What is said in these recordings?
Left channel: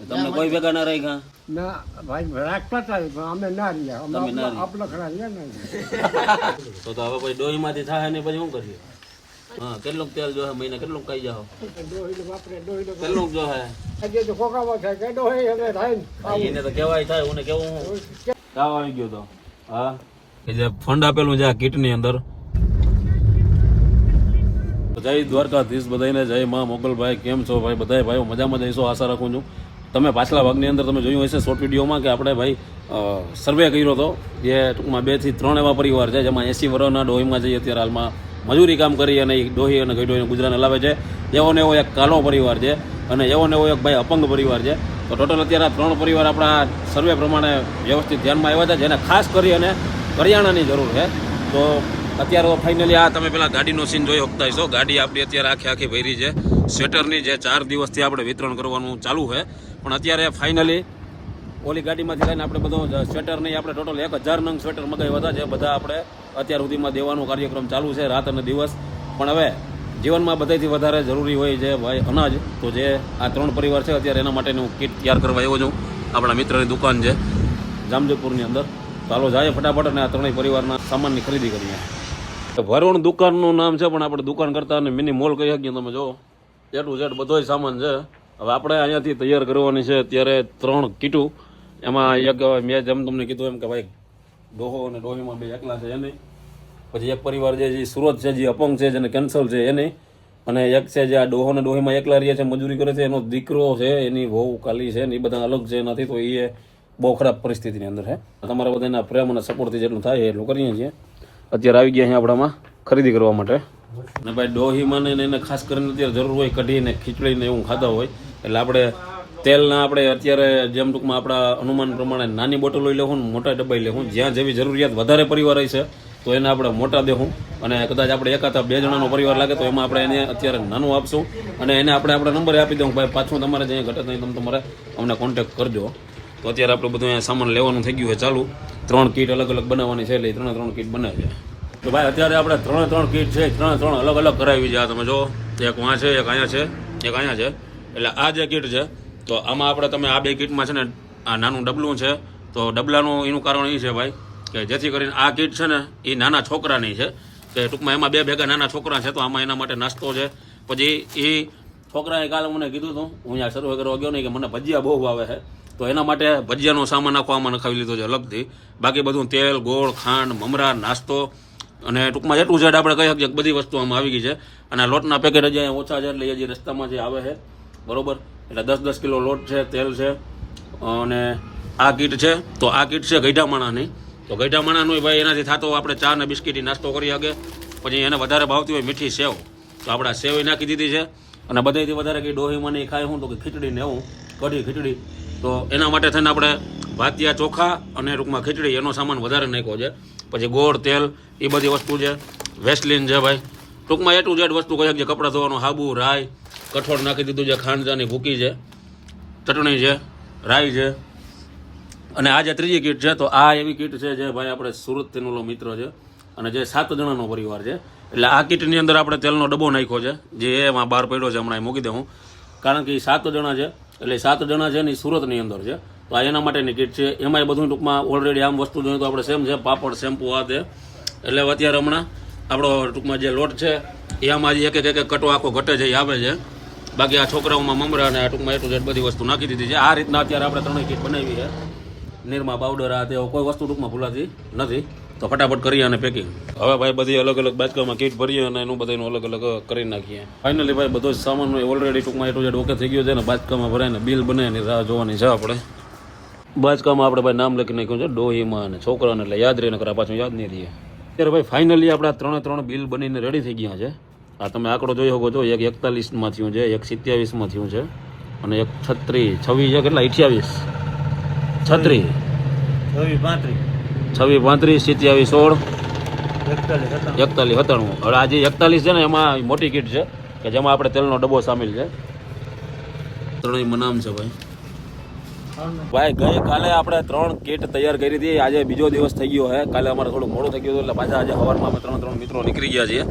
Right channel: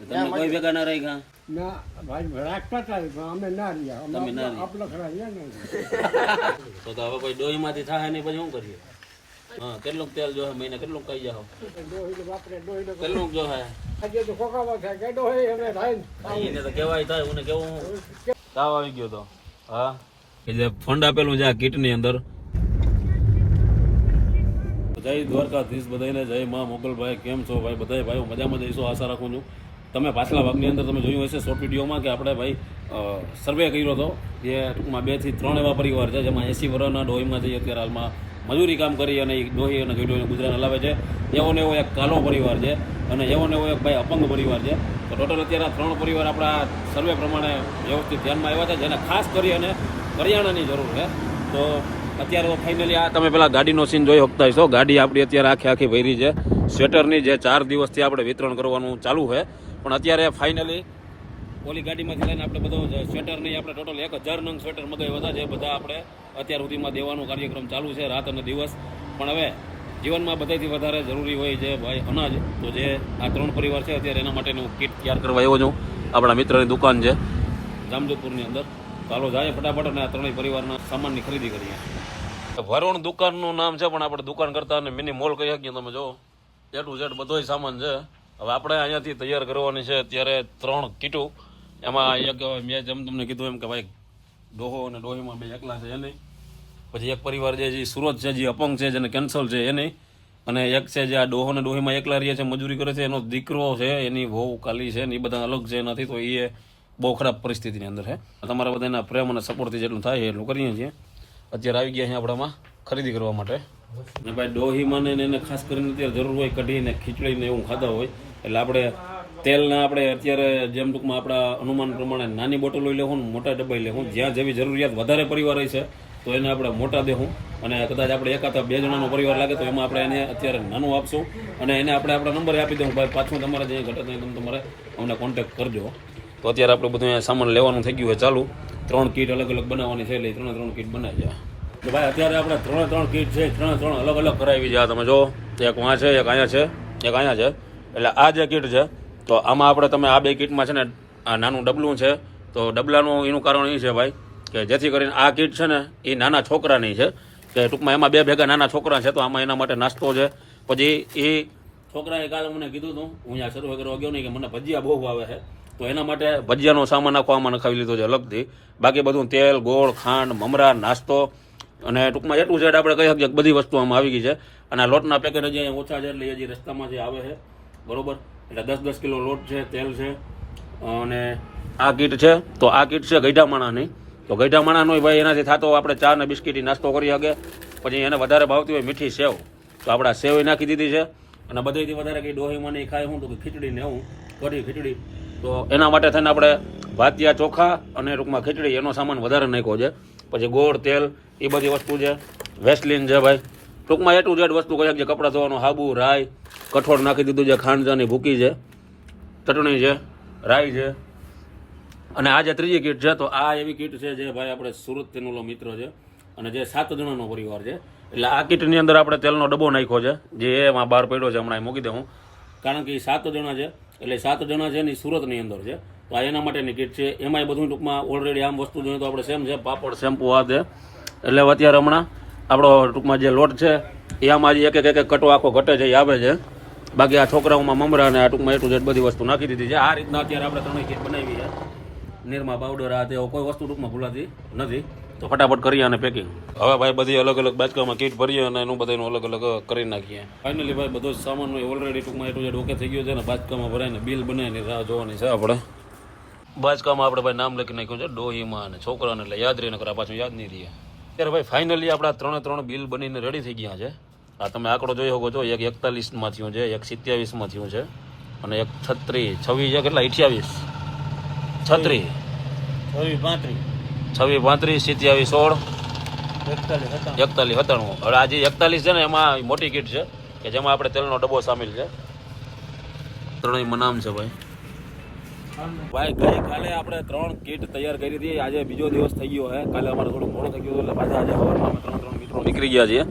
તમને કોઈ ભેગા ના રહી ગયા ના ભાઈ રાખતા હતા પણ અમે ના રહ્યા. અમે તમે ના આપણા- ખરા રહ્યા નહીં તો તો હવે કોઈ ડોહીમાંથી થાય ને પછી શું કરીએ? હા કેટલું તેલ જો મહિને કેટલું કઈ જાઓ. કેટલું જો હે હજી તો ખોખામાં થાય કે ડોહી હવે થાય એને તો કેવાય થાય હું કેવું તાવ આવી ગયો તો. હા? કે જે ફંડ આપેલું છે આ કીટની અંદર. જય દ્વારકાધીશ બધાને જય માં મોગલભાઈ, કેમ છો ભાઈ? બધા ભાઈઓ મજામાં જઈશો આશા રાખું છું. તમે પાછલા ભાગની અંદર તમે જોયું હશે શોર્ટ વિડીયોમાં કે આપણે ભાઈ સર્વે કર્યો હતો, જે ટૂંકમાં બેથી ત્રણ એવા પરિવાર છે, જેમાં એસી વર્ષના ડોહીમાં જઈએ અત્યારે હાલમાં મજૂરી કામ કરી અને ડોહી અને ગઈડોહીને ગુજરાન હલાવે છે. એવો ને એવો એક કાલો પરિવાર છે અને એવો ને એવો એક ભાઈ અપંગ પરિવાર છે. તો ટોટલ અત્યારે ત્રણ પરિવાર આપણા સર્વે પ્રમાણે વ્યવસ્થિત ધ્યાનમાં આવ્યા છે, જેને ખાસ કરી અને કરિયાણાની જરૂર છે. તો અત્યારે ફાઇનલી આ તમે પેલા ગાડીનો સીન જોઈ શકતા હશો ગાડી આપણી અત્યારે આખી આખી ભરી છે. સ્વેટરની જે ચાર દિવસથી આપણે વિતરણ કરવાનું ચાલુ છે. પણ અત્યારે ફાઇનલી ઓલી ગાડીમાંથી લઈને આપણે બધો સ્વેટર નહીં આપણે ટોટલ એક હજાર નંગ સ્વેટર મગાવ્યા હતા, જે બધા આપણે અત્યાર સુધીમાં દેવાનો કાર્યક્રમ ચાલુ છે રાત અને દિવસ. પણ હવે જીવનમાં બધાથી વધારે જરૂરી હોય છે ભાઈ અનાજ. તો જે આ ત્રણ પરિવાર છે અત્યારે એના માટેનું કીટ તૈયાર કરવા આવ્યો છું. આપણા મિત્રની દુકાન છે જામજોધપુરની અંદર. ચાલો જાય ફટાફટ અને આ ત્રણેય પરિવારના સામાનની ખરીદી કરીએ. ભરવણ દુકાનનું નામ છે, પણ આપણે દુકાન કરતા અને મિની મોલ કહી શકીએ તમે જો. એ ટુ ઝેડ બધો સામાન છે. હવે આપણે અહીંયાથી તૈયાર કરવાની છે અત્યારે ત્રણ કીટું. એમાં એક મેં જેમ તમને કીધું એમ કે ભાઈ, ડોહો અને ડોહીમાં બે એકલા છે એને. પછી એક પરિવાર જે સુરત છે, જે અપંગ છે, જેને કેન્સલ છે એને. અને એક છે જે આ ડોહો અને ડોહીમાં એકલા રહે છે, મજૂરી કરે છે, એનો દીકરો છે, એની વહુ કાલી છે, ને એ બધા અલગ છે નથી તો એ બહુ ખરાબ પરિસ્થિતિની અંદર છે. તમારા બધાના પ્રેમ અને સપોર્ટથી જેટલું થાય એટલું કરીએ છીએ. અત્યારે આવી ગયા અહીંયા આપણામાં ખરીદી કરવા માટે. ને ભાઈ ડોહીમાં ને એને ખાસ કરીને અત્યારે જરૂર હોય કઢીને, ખીચડીને એવું ખાતા હોય. એટલે આપણે તેલના આપણે અત્યારે જેમ ટૂંકમાં આપણા અનુમાન પ્રમાણે નાની બોટલો લેવું મોટા ડબ્બા લેવું જ્યાં જેવી જરૂરિયાત વધારે પરિવાર છે, તો એને આપણે મોટા દેવું અને કદાચ આપણે એકાદા બે જણાનો પરિવાર લાગે તો એમાં આપણે એને અત્યારે નાનું આપશું. અને એને આપણે આપણા નંબર આપી દઉં ભાઈ પાછું તમારે જે ઘટે નહીં તમે તમારે અમને કોન્ટેક્ટ કરજો. તો અત્યારે આપણે બધું અહીંયા સામાન લેવાનું થઈ ગયું છે ચાલુ. ત્રણ કીટ અલગ અલગ બનાવવાની છે એટલે ત્રણે ત્રણ કીટ બને છે. તો ભાઈ, અત્યારે આપણે ત્રણે ત્રણ કીટ છે, ત્રણે ત્રણ અલગ અલગ કરાવી છે. તમે જો, એક વાં છે, એક અહીંયા છે, એક અહીંયા છે. એટલે આ જે કીટ છે, તો આમાં આપણે તમે આ બે કીટમાં છે ને, આ નાનું ડબલું છે. તો ડબલાનું એનું કારણ એ છે ભાઈ, કે જેથી કરીને આ કીટ છે ને એ નાના છોકરાની છે. કે ટૂંકમાં એમાં બે ભેગા નાના છોકરા છે, તો આમાં એના માટે નાસ્તો છે. પછી એ છોકરાએ કાલે મને કીધું હતું હું અહીંયા શરૂ કરવા ગયો નહીં કે મને ભજીયા બહુ ભાવે છે. તો એના માટે ભજીયાનો સામાન આખો આમાં નખાવી લીધો છે અલગથી. બાકી બધું તેલ, ગોળ, ખાંડ, મમરા, નાસ્તો અને ટૂંકમાં એટલું જેડ આપણે કહી શકીએ બધી વસ્તુ આમાં આવી ગઈ છે. અને આ લોટના પેકેટ હજી ઓછા છે એટલે હજી રસ્તામાં જે આવે છે, બરોબર? એટલે દસ દસ કિલો લોટ છે, તેલ છે અને આ કીટ છે. તો આ કીટ છે ગઈઢામાણાની. તો ગઈઢામાણાનો ભાઈ એનાથી થતો આપણે ચા ને બિસ્કીટી નાસ્તો કરી શકે. પછી એને વધારે ભાવતી હોય મીઠી સેવ. તો આપણે સેવ નાખી દીધી છે. અને બધેથી વધારે કંઈ ડોહીમાં નહીં ખાય હું તો કે ખીચડી ને એવું. કઢી ખીચડી. તો એના માટે થઈને આપણે ભાતિયા ચોખા અને ટૂંકમાં ખીચડી, એનો સામાન વધારે નાખ્યો છે. પછી ગોળ, તેલ, એ બધી વસ્તુ છે. વેસ્ટલિન છે ભાઈ. ટૂંકમાં એટલું જેડ વસ્તુ કહી શકીએ. કપડાં ધોવાનું, હાબુ, રાઈ, કઠોળ નાખી દીધું છે ખાંડજાની ભૂકી છે, ચટણી છે, રાઈ છે. અને આ જે ત્રીજી કીટ છે, તો આ એવી કીટ છે જે ભાઈ આપણે સુરતથી ઓલો મિત્ર છે. અને જે સાત જણાનો પરિવાર છે. એટલે આ કીટની અંદર આપણે તેલનો ડબ્બો નાખ્યો છે. જે એમાં બહાર પડ્યો છે હમણાં એ મૂકી દઉં. કારણ કે એ સાત જણા છે. એટલે સાત જણા છે ને એ સુરતની અંદર છે. તો આ એના માટેની કીટ છે. એમાંય બધું ટૂંકમાં ઓલરેડી આમ વસ્તુ જોઈએ તો આપણે સેમ છે. પાપડ, શેમ્પુ, આ તે એટલે અત્યારે હમણાં આપણો ટૂંકમાં જે લોટ છે, એ આમાં હજી એક એક એક કટો આખો ઘટે છે એ આવે છે. બાકી આ છોકરાઓમાં મમરા અને આ ટૂંકમાં એટલું બધી વસ્તુ નાખી દીધી છે. આ રીતના અત્યારે આપણે ત્રણેય કીટ બનાવી છે. નિરમા પાવડર આ તે કોઈ વસ્તુ ટૂંકમાં ભૂલાતી નથી. તો ફટાફટ કરીએ અને પેકિંગ. હવે ભાઈ બધી અલગ અલગ બાચકામાં કીટ ભરીએ અને એનું બધાનું અલગ અલગ કરી નાખીએ. ફાઇનલી ભાઈ બધો જ સામાન ઓલરેડી ટૂંકમાં એટલું જેટ ઓકે થઈ ગયો છે ને બાચકામાં ભરાઈને બિલ બને એની રાહ જોવાની છે આપણે. બાચકામાં આપણે ભાઈ નામ લખી નાખ્યું છે ડોહીમાં અને છોકરાને એટલે યાદ રહીને કરા પાછું યાદ નહીં રહીએ અત્યારે ભાઈ ફાઇનલી આપણા ત્રણે ત્રણ બિલ બનીને રેડી થઈ ગયા છે. આ તમે આંકડો જોઈ શકો છો એક એકતાલીસમાં થયું છે એક સિત્યાવીસમાં થયું છે અને એક છત્રીસ છવ્વીસ છે કેટલા? અઠ્યાવીસ. છત્રીસ છવ્વીસ પાંત્રીસ. સિત્યાવીસ સોળ. એકતાલીસ સત્તાણું. હવે આજે એકતાલીસ છે ને એમાં મોટી કીટ છે કે જેમાં આપણે તેલનો ડબ્બો સામેલ છે. ત્રણેય મનામ છે ભાઈ. ભાઈ ગઈ કાલે આપણે ત્રણ કીટ તૈયાર કરી હતી. આજે બીજો દિવસ થઈ ગયો છે. કાલે અમારે થોડું મોડું થઈ ગયું હતું એટલે પાછા આજે સવારમાં અમે ત્રણ ત્રણ મિત્રો નીકળી ગયા છીએ.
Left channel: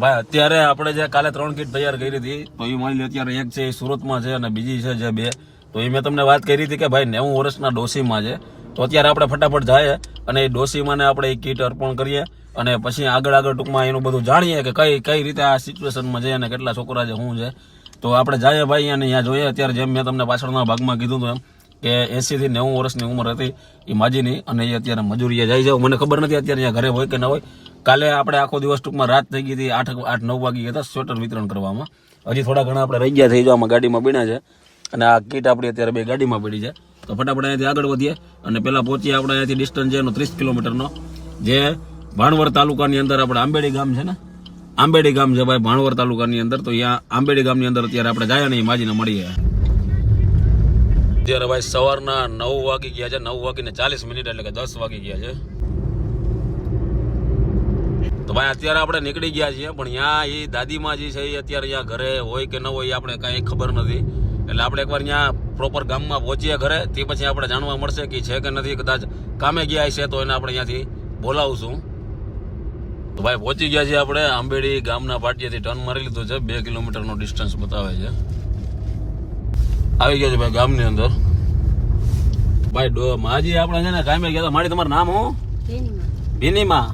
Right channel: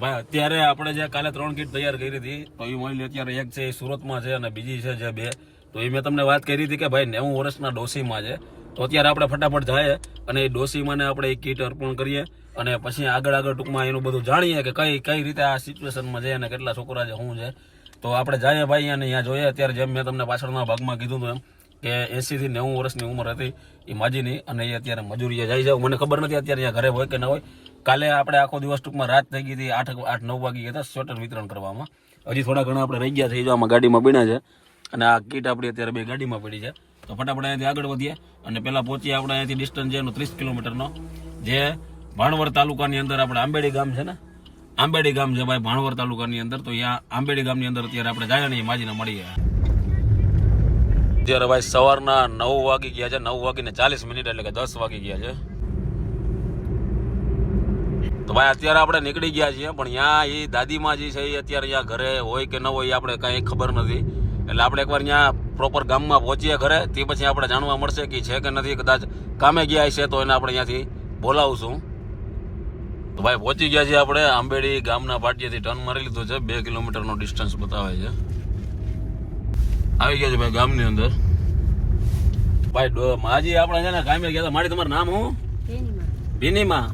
ભાઈ અત્યારે આપણે જે કાલે ત્રણ કીટ તૈયાર કરી હતી તો એ માની લો અત્યારે એક છે એ સુરતમાં છે અને બીજી છે જે બે. તો એ મેં તમને વાત કરી હતી કે ભાઈ નેવું વર્ષના ડોસીમાં છે. તો અત્યારે આપણે ફટાફટ જાય અને એ ડોસીમાને આપણે એ કીટ અર્પણ કરીએ અને પછી આગળ આગળ ટૂંકમાં એનું બધું જાણીએ કે કઈ કઈ રીતે આ સિચ્યુએશનમાં છે અને કેટલા છોકરા છે, શું છે. તો આપણે જઈએ ભાઈ અને અહીંયા જોઈએ. અત્યારે જેમ મેં તમને પાછળના ભાગમાં કીધું હતું એમ કે એસી થી નેવું વર્ષની ઉંમર હતી એ માજીની અને એ અત્યારે મજૂરીએ જાય છે. મને ખબર નથી અત્યારે અહીંયા ઘરે હોય કે ના હોય. કાલે આપણે આખો દિવસ ટૂંકમાં રાત થઈ ગઈ હતી, આઠ આઠ, નવ વાગી હતા સ્વેટર વિતરણ કરવામાં. હજી થોડા ઘણા આપણે રહી ગયા થઈ જો આમાં ગાડીમાં બીણા છે. અને આ કીટ આપણી અત્યારે બે ગાડીમાં પડી છે. તો ફટાફટ અહીંયાથી આગળ વધીએ. અને પહેલાં પહોંચીએ આપણે અહીંયાથી ડિસ્ટન્સ છે એનો ત્રીસ કિલોમીટરનો. જે ભાણવર તાલુકાની અંદર આપણે આંબેડી ગામ છે ને? આંબેડી ગામ છે ભાઈ ભાણવર તાલુકાની અંદર. તો અહીંયા આંબેડી ગામની અંદર અત્યારે આપણે જાય ને એ માજીને મળીએ. અત્યારે ભાઈ સવારના નવ વાગી ગયા છે, નવ વાગીને ચાલીસ મિનિટ એટલે કે દસ વાગી ગયા છે. તો ભાઈ અત્યારે આપણે નીકળી ગયા છીએ, પણ ત્યાં એ દાદીમાં જે છે એ અત્યારે અહીંયા ઘરે હોય કે ન હોય આપણે કાંઈ ખબર નથી. એટલે આપણે એકવાર ત્યાં પ્રોપર ગામમાં પહોંચીએ ઘરે તે પછી આપણે જાણવા મળશે કે છે કે નથી કદાચ કામે ગયા છે તો એને આપણે અહીંયાથી બોલાવશું. તો ભાઈ પહોંચી ગયા છીએ આપણે આંબેડી ગામના પાટિયાથી ટર્ન મારી લીધું છે બે કિલોમીટરનો ડિસ્ટન્સ બતાવે છે. આવી ગયા છે ભાઈ ગામની અંદર. ભાઈ માજી આપણે છે ને કામે ગયા હતા. મારી તમારું નામ હું ભીનીમાં.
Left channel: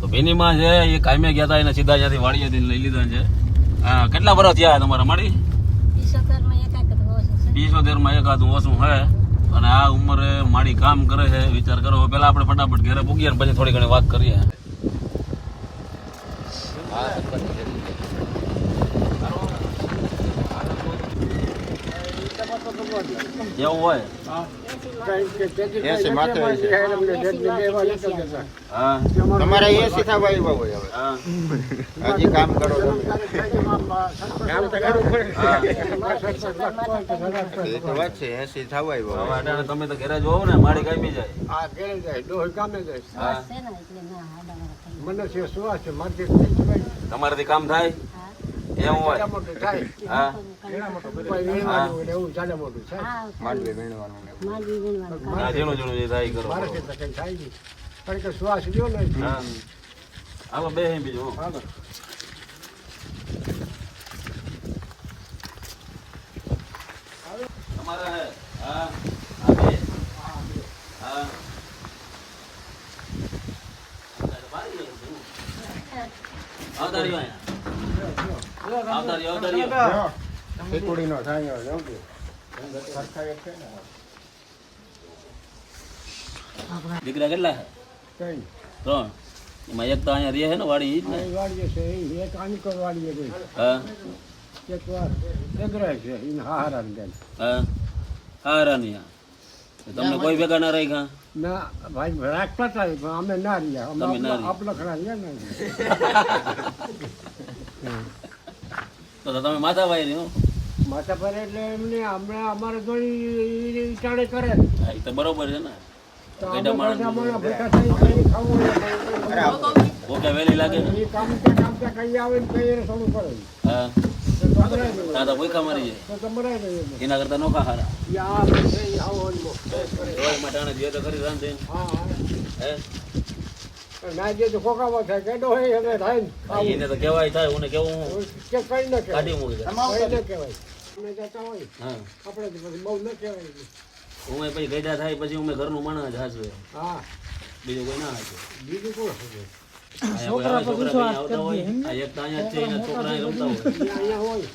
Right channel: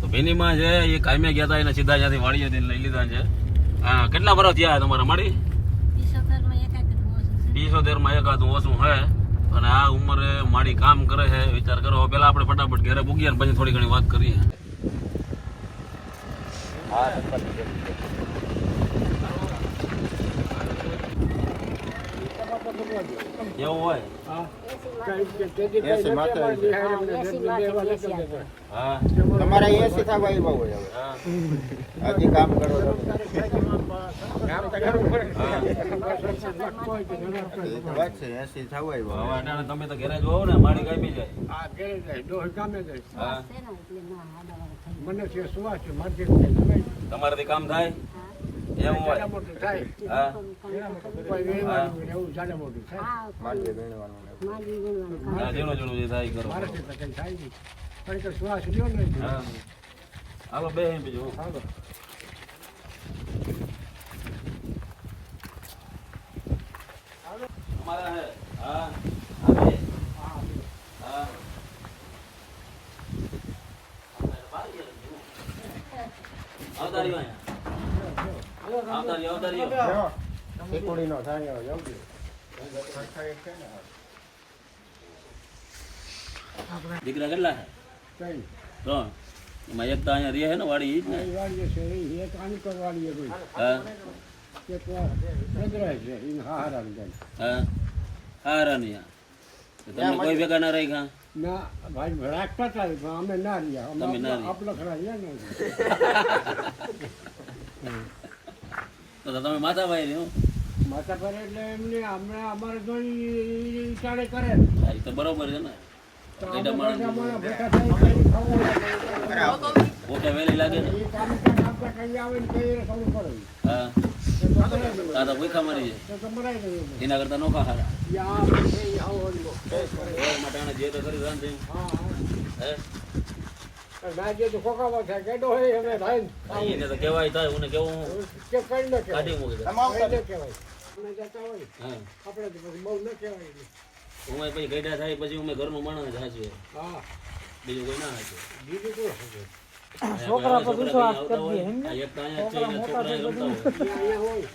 તો ભીનીમાં છે એ કામે ગયા હતા એને સીધા અહીંયાથી વાડીએથી લઈ લીધા છે. હા કેટલા વર્ષ થયા તમારા મારી? માં એકાદું ઓછું હે. અને આ ઉંમરે માડી કામ કરે છે, વિચાર કરો. પેલા આપણે ફટાફટ ઘરે પૂગીએ પછી થોડી ઘણી વાત કરીએ એવું હોય હા કઈ કે તેથી કઈ નથી અમારી હારે અમને જેટલી બે વાર નથી જતા. હા તમારા એસી થવા આવ્યા હોય હવે. હજી કામ કરો વાત છે એસી થવા આવ્યા હવે અટાણે તમે તો ઘરે જોવો ને મારી ગમી જાય. આ ઘરે જાય. ડોહી કામે જાય. હા. મને છે સુવાસ છે? માર્કેટ તમારાથી કામ થાય? એવું હોય. મોટું થાય હા કોઈ વેણવાનું હોય ને એવું જાડા મોટું થાય ઝીણું ઝીણું જે થાય કરો થાય નહીં પણ કે શ્વાસ લ્યો ને હાલો બે અહીં બીજું હા. તમારે હે હા હા સાંજો ને દીકરા કેટલા છે? ત્રણ. એમાં એક તો અહીંયા રહે છે ને વાડી જ ને? વાડી છે એક આનકર વાડીએ છે હા. એક વાર ચંદ્રાય છે એને હારા ને હા હા રાનિયા તો તમને કોઈ ભેગા ના રહી ગયા ના ભાઈ રાખતા હતા અમે ના રહ્યા. અમે ના ખરા રહ્યા. ને તો તમે માતા ભાઈ રહ્યો માતા પર એટલે એમને અમે અમારે ઘણી વિચારે કરે. હા એ તો બરોબર છે ને. વહેલી લાગે ને. કામ કામ કઈ આવે ને કઈ થોડું કરે. હા. ભૂખા મારી જાય. એના કરતા નોખા હારા. એ આવો મટાણે જે તો કરી રાંધી હા? હા હે પણ ના જે તો ખોખામાં થાય કેડો હોય રાઈન ખાવું. એને તો કહેવાય થાય હું કેવું હું? કે કઈ ન કાઢી મૂકી દે. કઈ ન કહેવાય. અમે જતા હોય. હા. આપણે તો પછી બહુ ન કહેવાય હું પછી ગઈડા થાય પછી હું ઘરનું મણ જ હા. બીજું કોઈ ના બીજું કોણ છોકરા આવતા હોય એક તો અહીંયા છે એના છોકરા રમતા હોય. અહીંયા હોય.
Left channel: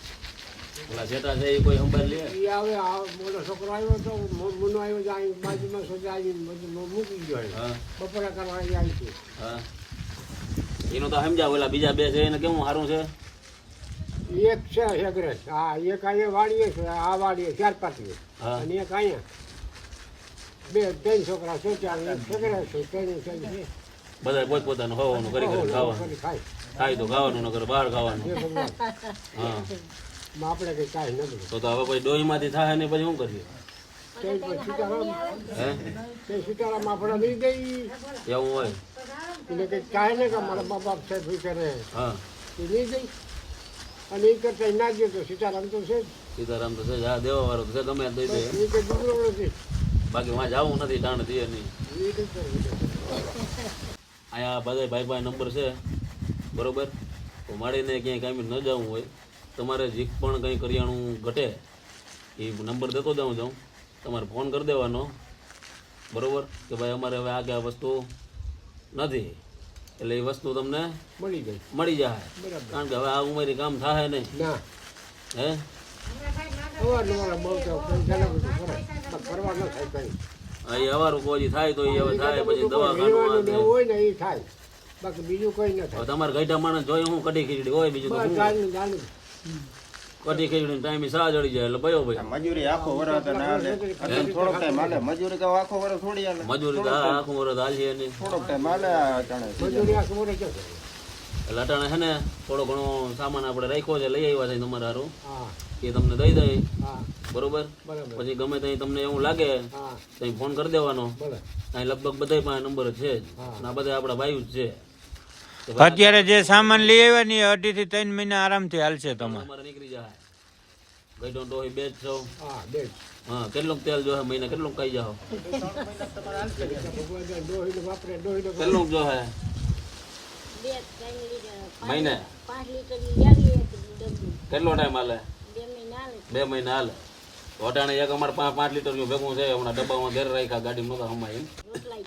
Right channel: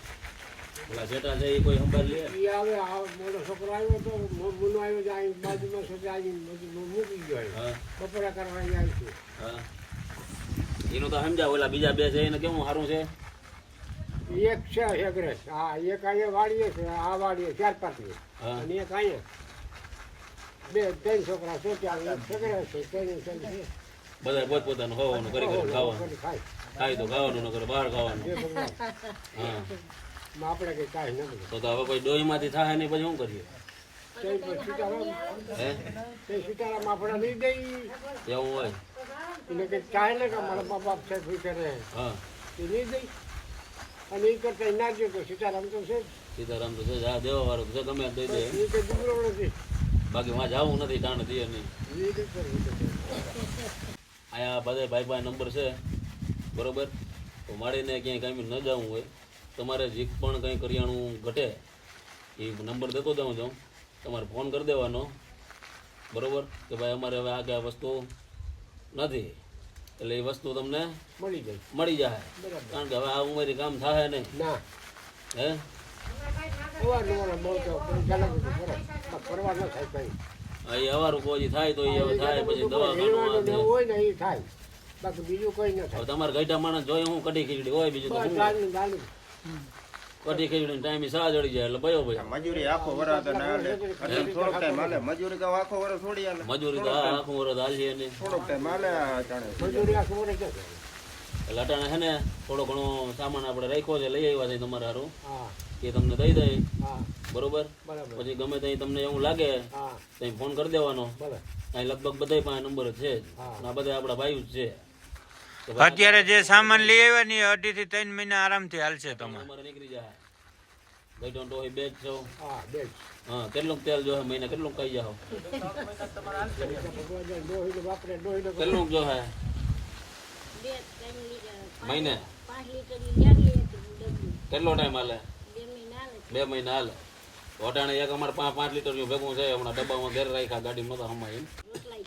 ઓલા જેટા છે એ કોઈ સંભાળ લે? એ આવે આ મોટો છોકરો આવ્યો તો મુનો આવ્યો અહીં બાજુમાં છોકરા આવીને બધું મૂકી ગયો બપોરા કરવા અહીંયા આવી છે. હા. એનું તો સમજાવ ઓલા બીજા બે છે એને કેવું સારું છે? એક છે એગ્રેસ હા એક અહીંયા વાળીએ છે આ વાળીએ ચાર પાટીઓ અને એક અહીંયા. બે ત્રણ છોકરા છે ત્યાં એક એગ્રેસ છે ત્રણ છે. બધા પોત પોતાનું ખાવાનું કરી કરી ખાવાનું ખાય. ખાય તો ખાવાનું નકર બહાર ખાવાનું. હા. આપણે કઈ કાંઈ ન તો તો હવે કોઈ ડોહીમાંથી થાય ને પછી શું કરીએ? હે? સીતારામ આપણે નહીં ગઈ એવું હોય? એને કંઈક ચાહે ને કે મારા મા બાપ છે કરે હા. એ નહીં ગઈ અને એ કરતા ના તો સીતારામ તો છે. સીતારામ તો છે. હા દેવા વાળો છે ગમે દઈ દે. એ કંઈ દુબળો નથી. બાકી વાં જવું નથી ટાણ થઈએ નહીં. કંઈ કંઈ. અહીંયા બધા ભાઈ ભાઈ નંબર છે. બરોબર? તો માડીને ક્યાંય કાંઈ ન જવું હોય. તમારે જે પણ કંઈ કરિયાણું ઘટે એ નંબર દેતો જાઉં જાઉં. તમારે ફોન કરી દેવાનો. બરાબર? કે ભાઈ અમારે હવે આ કે આ વસ્તુ નથી. એટલે એ વસ્તુ તમને મળી જાય. મળી જાય. કારણ કે હવે આ ઉંમરે કામ થાય નહીં. હે? એ અવારું કોઈ થાય તો એ હવે થાય પછી દવાખાનું હોય ને એ થાય. બાકી બીજું કોઈ ન હવે થાય. તમારે ગઈઢા માણસ જોઈએ હું કઢી ખીચડી હોય બીજું તો ચાલુ ચાલુ ટાઈમે સા જડી જાય એટલે ભયો ભાઈ મજૂરી આખો વરસ ના થોડોક ટાઈમ હાલે. મજૂરી તો આખો વરસ છોડી આલે મજૂરી તો આખો આખું વરસ હાલશે નહીં થોડોક ટાઈમ જાણે. મજૂરી આખો જશે એટલે અટાણે છે ને થોડો ઘણો સામાન આપણે રાખ્યો છે લઈ આવ્યા છે તમારે હારું. હા. એ તમને દઈ દઈ. બરોબર? પછી ગમે ત્યાં તમને એવું લાગે ત્યાં ફોન કરી દેવાનો. અહીં લગભગ બધા પાસે નંબર જ છે જ. આ બધા આપણા ભાઈ જ છે. અત્યારે જે સામાન લઈ આવ્યા ને અઢી થી ત્રણ મહિના આરામથી હાલશે તમારે. નીકળી જાય ગઈ ડોહી હોય બેચ છો? હા બે હા કેટલું તેલ જો મહિને કેટલું કઈ જાઓ કેટલું જો હે મહિને? કેટલો ટાઈમ હાલે? બે મહિના હાલે. બે મહિના હાલે તો અટાણે એક અમારે પાંચ પાંચ લીટર ભેગું છે હમણાં ડબ્બામાં ઘેર રાખ્યા ગાડી નતા હમાય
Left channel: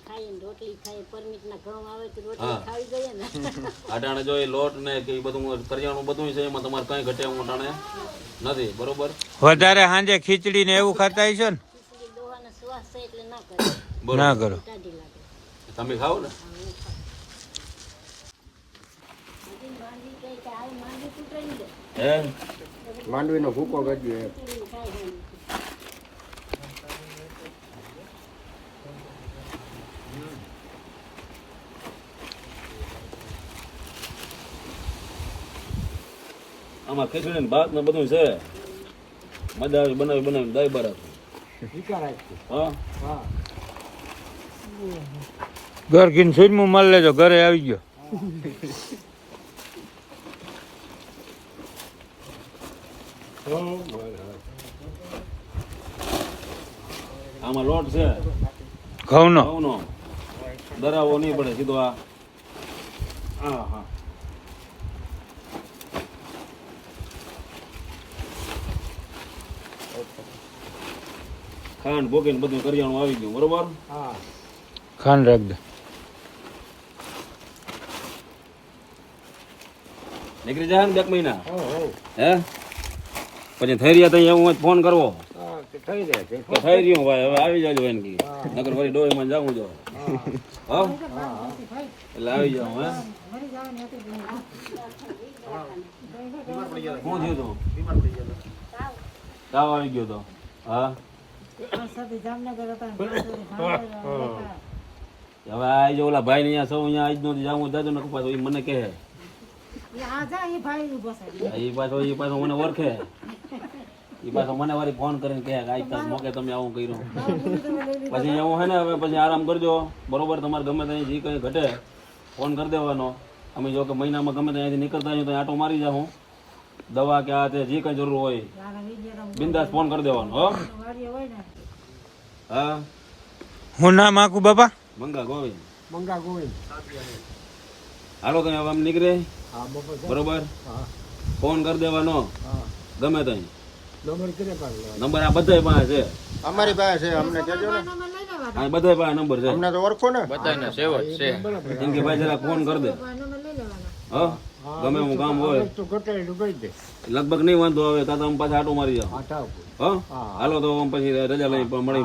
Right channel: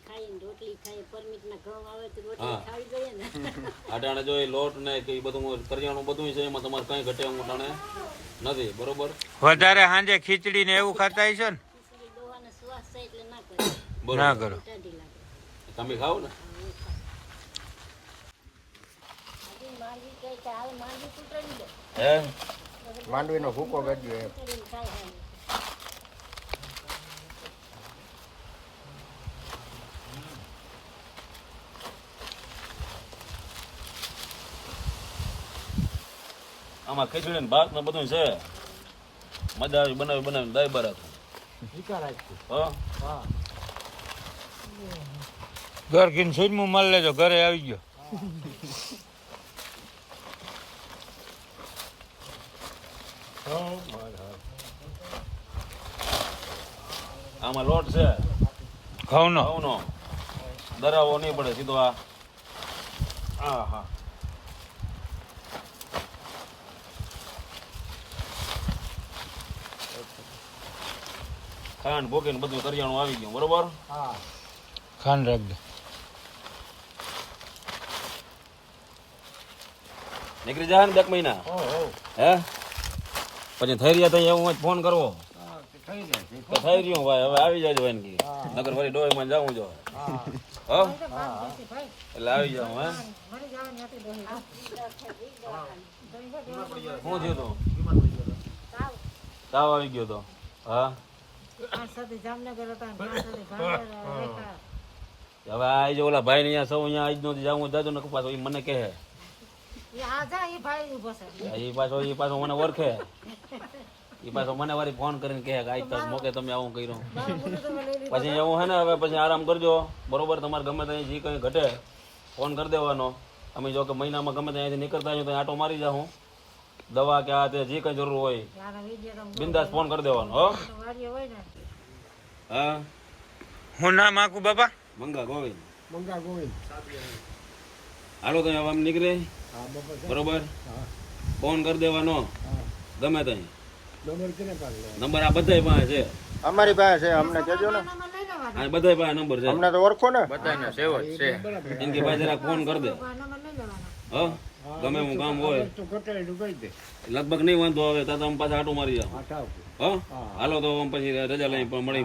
રોટલા રોટલી ખાઈએ પરમિટ ઘઉં આવે તો હા. રોટલી ખાવી જોઈએ ને. અટાણે જો એ લોટ ને કે એ બધું કરિયાણું બધું છે એમાં તમારે કઈ ઘટે એવું અટાણે નથી બરોબર? વધારે સાંજે ખીચડી ને એવું ખાતા હશો ને? ખીચડી ડોહાનો શ્વાસ છે એટલે ના કરે. ના કરો. તમે ખાઓ ને? હે માંડવીનો ભૂકો ગજ્યો એક. આમાં ખીચડી ભાત ને બધું છે. મજા આવી બનાવી બનાવી દહીં બરફ ઘર ઘીન સુજમું માલ લેજો ઘરે આવી ગયો. આમાં લોટ છે. ઘઉંનો. ઘઉંનો. દરાવો નહીં પડે સીધો આ. હા હા. ખાંડ ભોગીને બધું કરિયાણું આવી ગયું બરોબર? ખાંડ રાખ દે. નીકળી જાય ને બે મહિના. હો પછી થઈ રહ્યા તઈ હું ફોન કરવો. થઈ રહ્યું ભાઈ હવે આવી જાજો કી નગર ફરી ડોહીમાં જાવું જો હા. હા? એટલે આવી જાવ હે. શું થયું તું? તાવ આવી ગયો તો. હા? હવે આ જો ઓલા ભાઈ અહીંયા સૌ અહીંયા આજ નથી જાવું જાજો ને પાછો એ મને કહે. એ પાછો એ પાછો મને ઓળખે. એ પાછો મને વારી ફોન કરીને કહે કે આજ તો મોકે તમે આવું કર્યું. પછી એવું હે ને હવે પછી આરામ કરજો. બરોબર તમારે ગમે ત્યાં જે કંઈ ઘટે ફોન કરી દેવાનો. અમે જો કે મહિનામાં ગમે ત્યાંથી નીકળતા હોઈએ તો આટો મારી જાઉં. દવા કે આ તે જે કંઈ જરૂર હોય બિંદાસ ફોન કરી દેવાનો હો. હા. હું નામ આખું બાપા? મંગા ગોવિંદ. મંગા ગોવિંદ. હાલો તો હવે આમ નીકળે. બરોબર? ફોન કરી દેવાનો. ગમે ત્યાં નંબર આ બધાય પાસે છે. અમારી પાસે છે અમને કેજો ને. હા બધાય પાસે નંબર છે. અમને તો ઓળખો ને. બરાબર. કેમ કે ભાઈ જરા ફોન કરી દે. હા? ગમે હું કામ હોય. લગભગ નહીં વાંધો આવે તો તમે પાછા આટો મારી જાઓ હા હાલો તો પછી રજા લઈ પણ મળી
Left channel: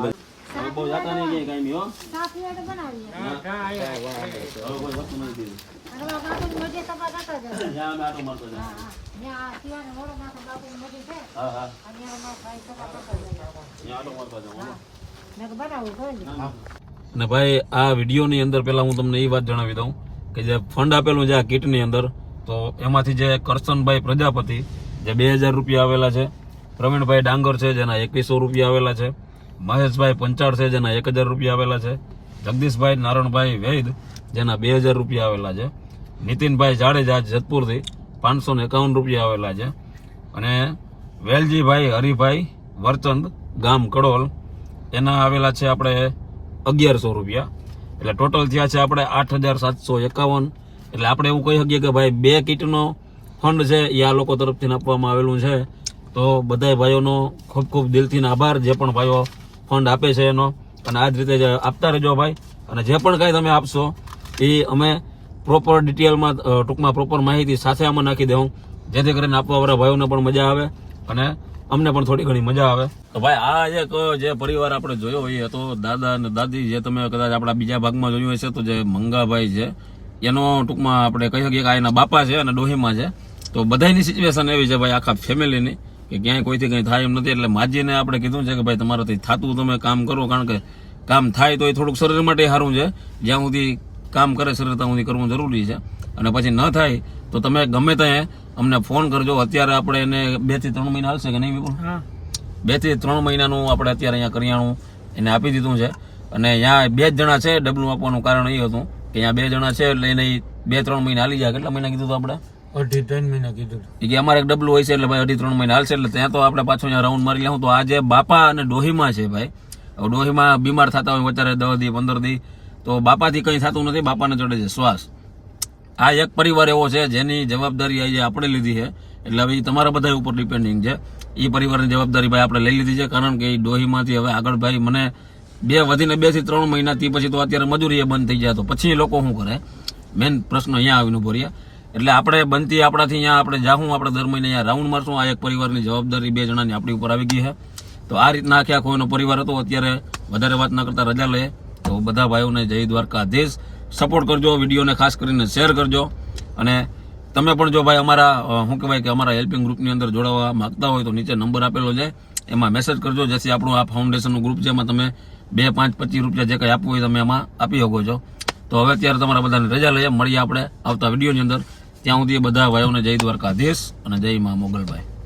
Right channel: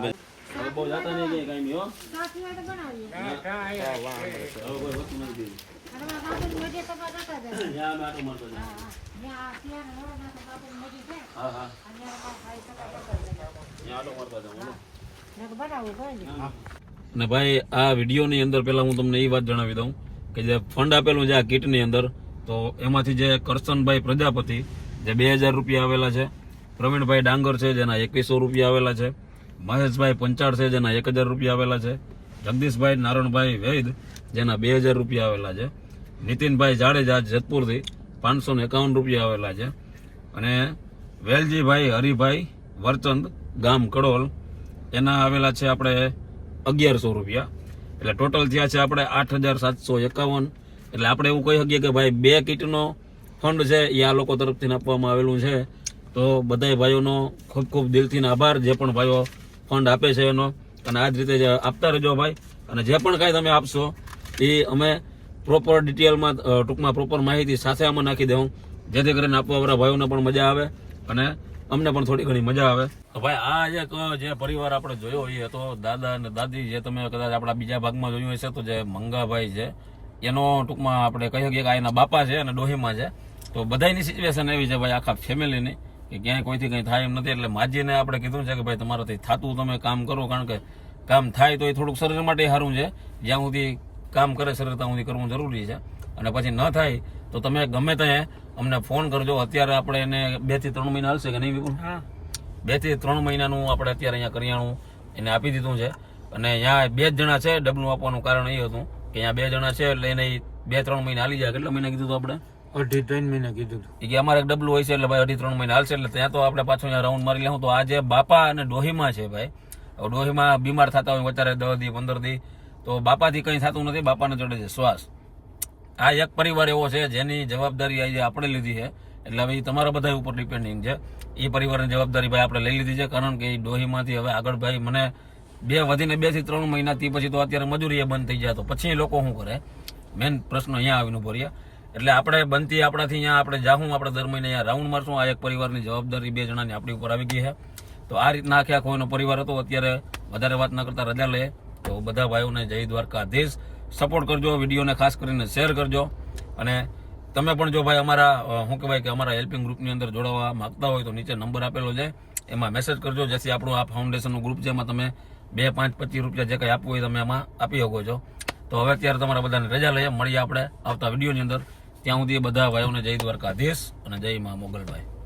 અને ભાઈ, આ વિડીયોની અંદર પહેલાં હું તમને એ વાત જણાવી દઉં કે જે ફંડ આપેલું છે આ કીટની અંદર, તો એમાંથી જે કરશનભાઈ પ્રજાપતિ, જે બે હજાર રૂપિયા આવેલા છે, પ્રવીણભાઈ ડાંગર છે, જેના એકવીસો રૂપિયા આવેલા છે મહેશભાઈ પંચાળ છે, જેના એક હજાર રૂપિયા આવેલા છે. જગદીશભાઈ, નારણભાઈ, વૈદ, જેના બે હજાર રૂપિયા આવેલા છે. નીતિનભાઈ જાડેજા જેતપુરથી પાંચસો ને એકાવન રૂપિયા આવેલા છે. અને વેલજીભાઈ, હરિભાઈ, વરચંદ, ગામ કડોલ, એના આવેલા છે આપણે અગિયારસો રૂપિયા. એટલે ટોટલ થયા છે આપણે આઠ હજાર સાતસો એકાવન. એટલે આપણે એવું કહી શકીએ કે ભાઈ બે કીટનો ફંડ છે, એ આ લોકો તરફથી આપવામાં આવેલું છે. તો બધા ભાઈઓનો ખૂબ ખૂબ દિલથી આભાર. જે પણ ભાઈઓ ફંડ આપે છે એનો. અને આ જ રીતે આપતા રહેજો ભાઈ. અને જે પણ કાંઈ તમે આપશો, એ અમે પ્રોપર ડિટેલમાં ટૂંકમાં પ્રોપર માહિતી સાથે આમાં નાખી દઉં જેથી કરીને આપવાવાળા ભાઈઓને પણ મજા આવે અને અમને પણ થોડી ઘણી મજા આવે. તો ભાઈ, આ એક જે પરિવાર આપણે જોયો એ હતો, દાદા અને દાદી જે તમે કદાચ આપણા બીજા ભાગમાં જોયું હશે તો જે મંગાભાઈ છે, એનો ટૂંકમાં આપણે કહી શકીએ કે આ એના બાપા છે અને ડોહીમાં છે. તો બધાની સિચ્યુએશન એવી છે ભાઈ, આખા ફેમિલીની કે ક્યાંય કોઈથી કંઈ થાય એમ નથી. એટલે માજીને આપણે કીધું છે કે ભાઈ તમારાથી થતું તમે કામ કરો કારણ કે કામ થાય તો એ થોડુંક શરીર માટે સારું છે. જ્યાં સુધી કામ કરે શરીર ત્યાં સુધી કરવું જરૂરી છે. અને પછી ન થાય તો તમે ગમે ત્યાં અમને ફોન કરજો. અત્યારે આપણે એને બેથી ત્રણ મહિના હાલશે કે નહીં વિપુલ? બેથી ત્રણ મહિનાનું આપણે અત્યારે અહીંયા કરિયાણું એને આપી દીધું છે. અને અહીંયા બે જ જણા છે. ડબલું આપવાનું કારણ એ હતું કે અહીંયા બે જણા છે એટલે એને બે ત્રણ મહિના હાલી જાય. કેટલા મહિના કીધું હતું આપણે? અઢી ત્રણ મહિના કીધું કે અમારે ડબલું હોય છે એટલે ભાઈ અઢી ત્રણ મહિના હાલશે એટલે ત્યાં તો આપણે પાછું રાઉન્ડ મારી લેવું તો આજે બાપા અને ડોહીમાં છે ભાઈ. ડોહીમાં બીમાર થતા હોય વચારે દસ દી, પંદર દી, તો બાપાથી કંઈ થતું નથી, બાપાને ચડે છે શ્વાસ. આ એક પરિવાર એવો છે જેની જવાબદારી આજે આપણે લીધી છે. એટલે હવે તમારા બધા ઉપર ડિપેન્ડિંગ છે. એ પરિવારની જવાબદારી ભાઈ આપણે લઈ લીધી છે, કારણ કે એ ડોહીમાંથી હવે આગળ ભાઈ મને બે વધીને બેથી ત્રણ મહિનાથી પછી તો અત્યારે મજૂરી બંધ થઈ જાય તો પછી લોકો શું કરે? મેન પ્રશ્ન અહીંયા આવીને ઊભો રહ્યા. એટલે આપણે બનતી આપણાથી અહીંયા આપણે જાહું, આપણે દર મહિને અહીંયા રાઉન્ડ મારશું. આ એક પરિવારની જવાબદારી બે જણાની આપણી ઉપર આવી ગઈ છે. તો આ રીતના આખે આખો એનો પરિવાર હતો. અત્યારે વધારે વાત ન કરતા રજા લે. તો બધા ભાઈઓને જય દ્વારકાધીશ. સપોર્ટ કરજો, વિડીયોને ખાસ કરીને શેર કરજો. અને તમે પણ જો ભાઈ અમારા શું કહેવાય કે અમારા હેલ્પિંગ ગ્રુપની અંદર જોડાવા માગતા હોય તો નીચે નંબર આપેલો છે. એમાં મેસેજ કરજો. જેથી આપણું આ ફાઉન્ડેશનનું ગ્રુપ છે, એમાં તમે બે પાંચ પચીસ રૂપિયા જે કંઈ આપવું હોય તમે એમાં આપી શકો છો. તો હવે અત્યારે તમારા બધાને રજા લઈએ. મળીએ આપણે આવતા વિડીયોની અંદર. ત્યાં સુધી બધા ભાઈઓને જય દ્વારકાધીશ અને જય મા મોગલભાઈ.